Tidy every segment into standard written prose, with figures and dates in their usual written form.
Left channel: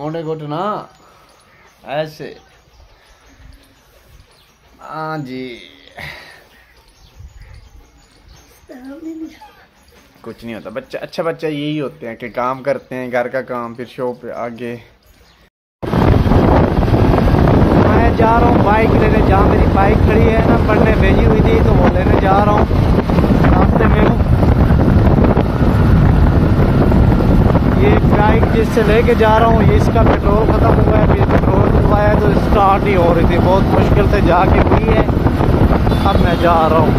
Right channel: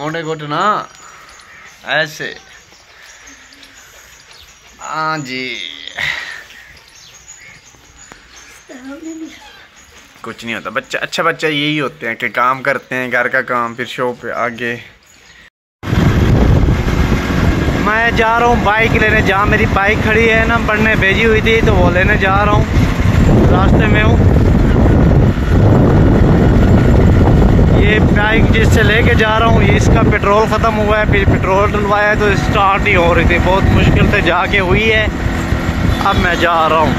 मोटे घुटना ऐसे। हाँ जी, कुछ नहीं होता बच्चा। अच्छा बच्चा यही होते हैं कि काम करते हैं, घर का काम, फिर शॉप पे आगे। मैं जा रहा हूँ बाइक लेने, जहाँ मेरी बाइक खड़ी है ना, पढ़ने भेजी हुई थी, तो वो लेने जा रहा हूँ। रास्ते में हूँ। ये बाइक जिससे लेके जा रहा हूँ, ये इसका पेट्रोल ख़त्म हुआ है, फिर पेट्रोल डलवाया है तो स्टार्ट नहीं हो रही थी, बहुत मुश्किल से जाके हुई है। अब मैं जा रहा हूँ।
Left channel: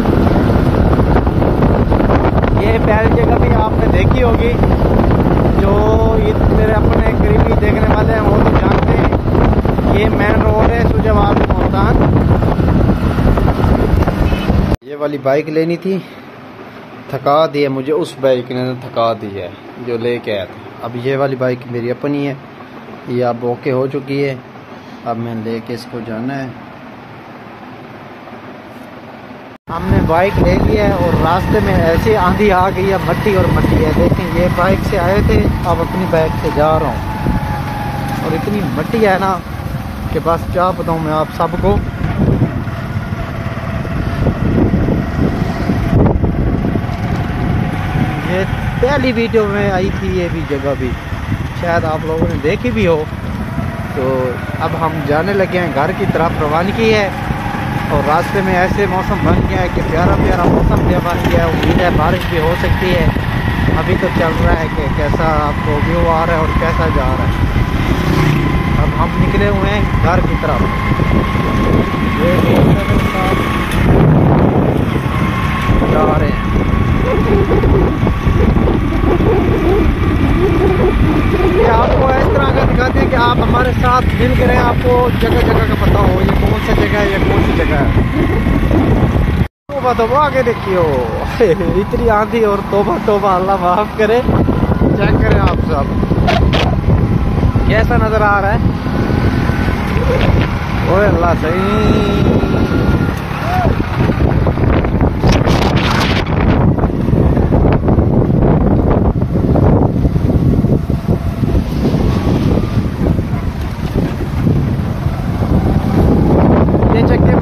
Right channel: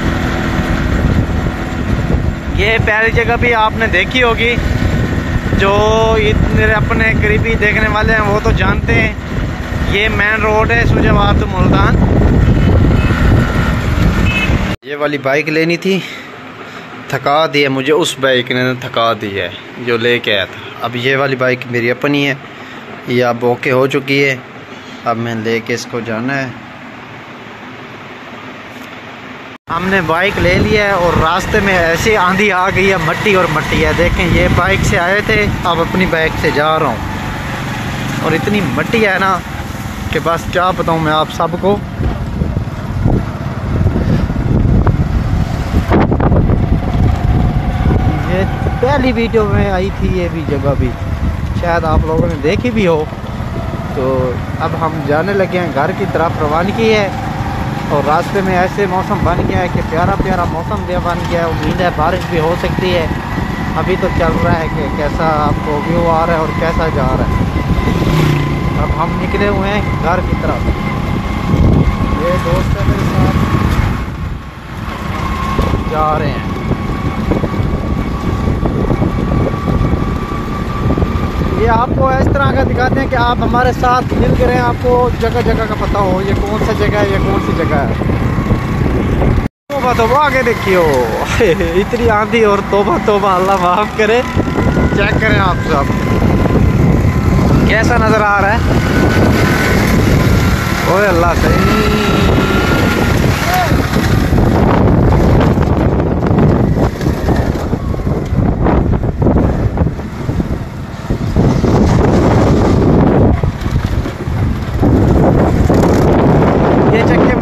ये पहली जगह भी आपने देखी होगी, जो मेरे अपने करीबी देखने वाले हैं वो तो जानते हैं। ये मेन रोड है सुजाबाद मुल्तान। ये वाली बाइक लेनी थी, थका दी है मुझे उस बाइक ने, थका दी है जो लेके आया था। अब ये वाली बाइक मेरी अपनी है, ये अब ओके हो चुकी है। अब मैं लेके इसको जाना है। हमने बाइक ले लिया है और रास्ते में ऐसी आंधी आ गई है, मट्टी और मट्टी है। देखें, ये बाइक से आए थे, अब अपनी बाइक से जा रहा हूँ। और इतनी मट्टी है ना कि बस क्या बताऊँ मैं आप सबको। ये पहली वीडियो में आई थी, ये भी जगह भी शायद आप लोगों ने देखी भी हो। तो अब हम जाने लगे हैं घर की तरफ, रवानगी है। और रास्ते में ऐसे मौसम बन गया है कि प्यारा प्यारा मौसम भी बन गया है। उम्मीद है बारिश भी हो सकती है। अभी तो चल रहा है कि कैसा आपको व्यू आ रहा है और कैसा जा रहा है। अब हम निकले हुए हैं घर की तरफ। ये दोस्त मेरे साथ जा रहे हैं। ये आपको इस तरह का दिखाते हैं कि आप हमारे साथ मिल के रहें, आपको जगह जगह का पता हो ये कौन सा जगह है, ये कौन सी जगह है। तोबा तोबा, आगे देखियो इतनी आंधी और तोबा तोबा, अल्लाह माफ करे। चेक करें आप सब कैसा नजर आ रहा है। ओए अल्लाह सही।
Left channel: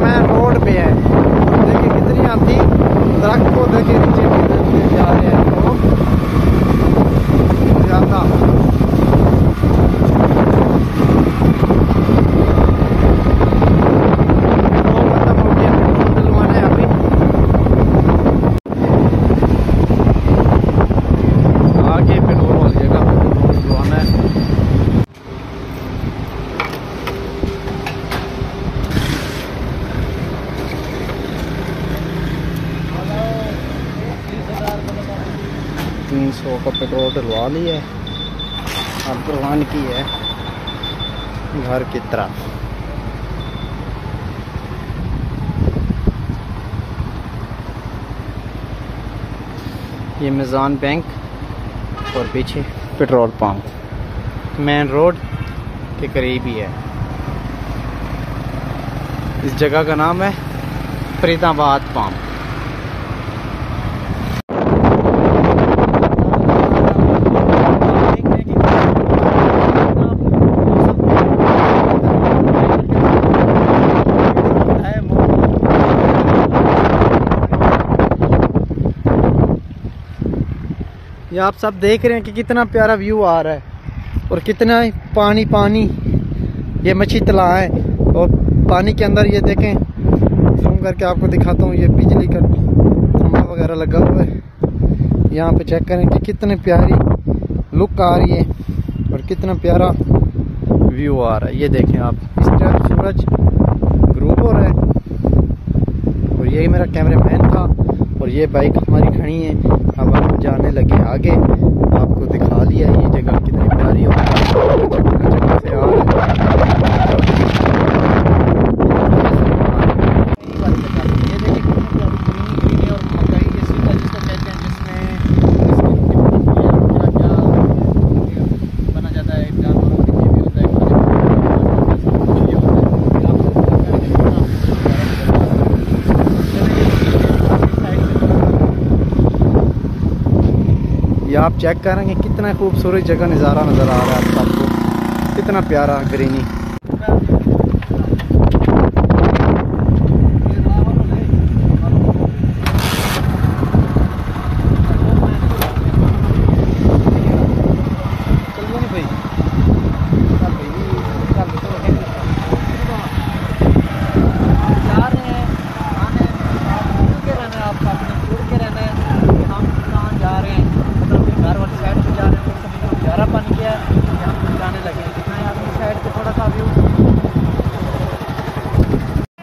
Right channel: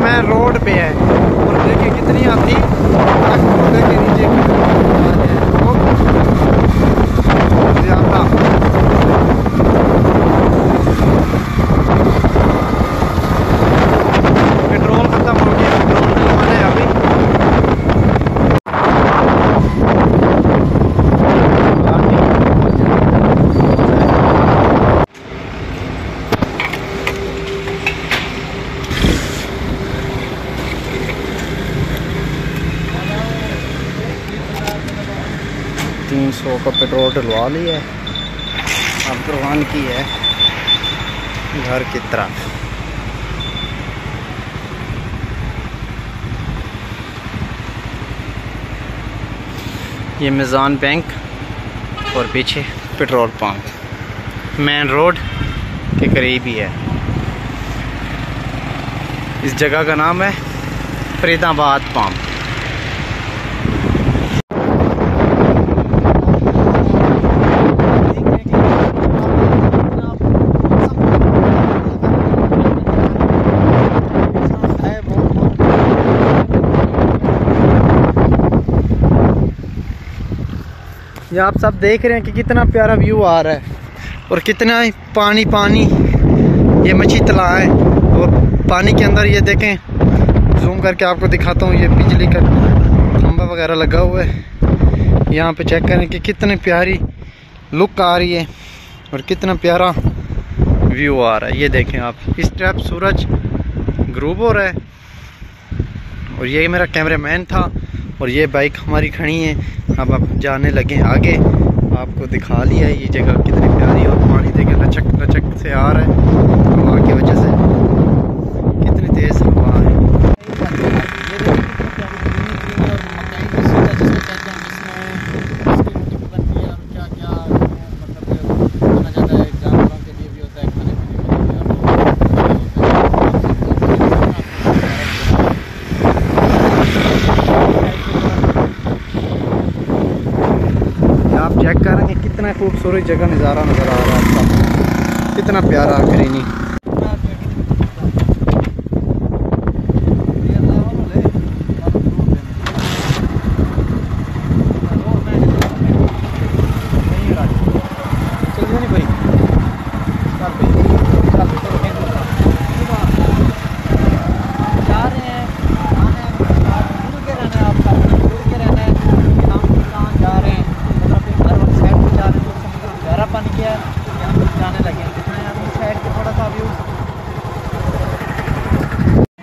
मैं रोड पे है और देखिए कितनी आती ट्रक को देखे नीचे जा रहे हैं लोग ज्यादा। पेट्रोल खत्म हो गया, पेट्रोल डलवाना है अभी। आगे पेट्रोल जगह डलवाना है। $300 का पेट्रोल डलवा लिया है। अब रवानगी है घर की तरफ। ये मिज़ान बैंक और पीछे पेट्रोल पंप मेन रोड के करीब ही है। इस जगह का नाम है फरीदाबाद पंप। ये आप सब देख रहे हैं कि कितना प्यारा व्यू आ रहा है और कितना पानी पानी। ये मच्छी तालाब है और पानी के अंदर ये देखें, जूम करके आपको दिखाता हूँ, ये बिजली का खंभा वगैरह लगा हुआ है। यहाँ पे चेक करें कि कितनी प्यारी लुक आ रही है और कितना प्यारा व्यू आ रहा है। ये देखें आप, इस टाइप सूरज ग्रूब हो रहा है। और यही मेरा कैमरामैन था और ये बाइक हमारी खड़ी है। अब हम जाने लगे आगे। आपको दिखा लिया ये जगह कितनी प्यारी और पानी देखिए लचक लचक से आ रहा है की वजह से, कितनी तेज हवा आ रही चेक करेंगे कितना खूबसूरत जगह नज़ारा नज़र आ रहा है आप सबको। कितना प्यारा ग्रीनी। पानी किया हम जाने लगे हैं, दिखाएं आप इस साइड पे थोड़ा सा व्यू।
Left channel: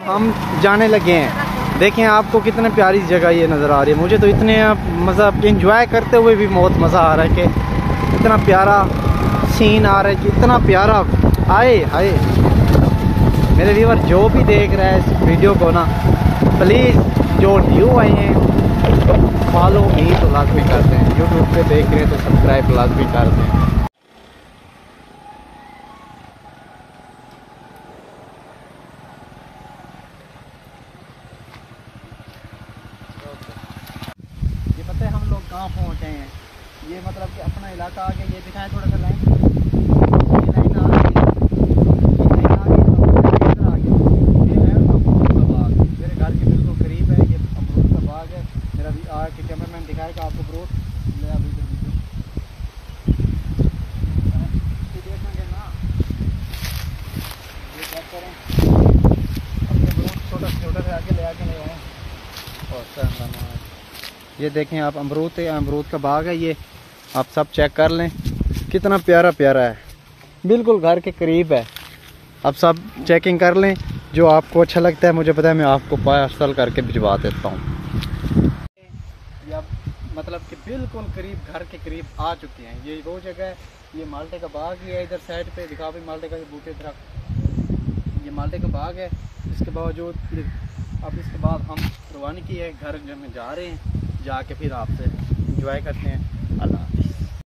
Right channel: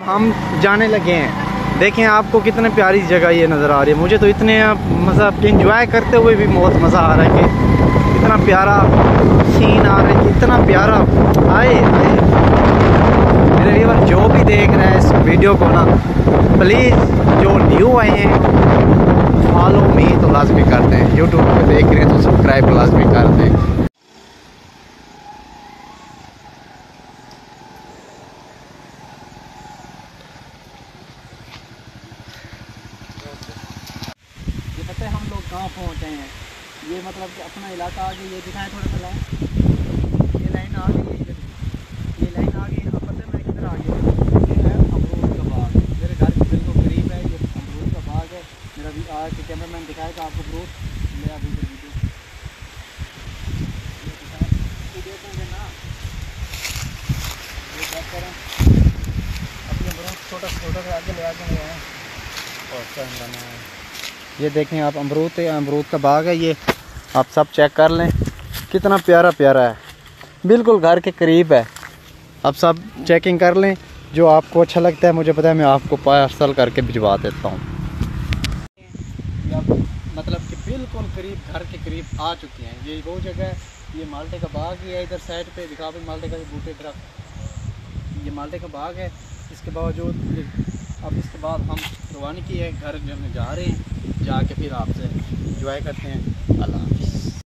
हम जाने लगे हैं, देखें आपको कितनी प्यारी जगह ये नज़र आ रही है। मुझे तो इतने मतलब इंजॉय करते हुए भी बहुत मज़ा आ रहा है कि इतना प्यारा सीन आ रहा है कि इतना प्यारा आए आए। मेरे व्यूअर जो भी देख रहे हैं इस वीडियो को ना, प्लीज़ जो न्यू आए हैं फॉलो भी तो लाजमी कर दें, यूट्यूब पे देख रहे हैं तो सब्सक्राइब लाजमी कर दें। ये पता है हम लोग कहाँ पहुँचे हैं, ये मतलब कि अपना इलाका आ गया। ये दिखाएं थोड़ा सा लाइन, ये लाइन आ गई, ये लाइन आ गई, इधर आ गई। ये है अमरूद का बाग, मेरे घर के बिल्कुल करीब है। ये अमरूद का बाग है। मेरा भी आ के कैमरामैन दिखाएगा आपको अमरूद ले अभी वीडियो देखेंगे ना। ये क्या करें, अपने अमरूद छोटा छोटा से आके ले आए और चंदना है। ये देखें आप अमरूद है, अमरूद का बाग है। ये आप सब चेक कर लें कितना प्यारा प्यारा है, बिल्कुल घर के करीब है। आप सब चेकिंग कर लें, जो आपको अच्छा लगता है मुझे पता है मैं आपको पार्सल करके भिजवा देता हूँ। ये आप मतलब कि बिल्कुल करीब घर के करीब आ चुके हैं। ये वो जगह है, ये माल्टे का बाग ही है। इधर साइड पे दिखा भी माल्टे का ये बूटे दरख्त, ये माल्टे का बाग है। इसके बावजूद अब इसके बाद हम रवानी की है घर में जा रहे हैं, जाके फिर आपसे इंजॉय करते हैं। अल्लाह हाफ़िज़।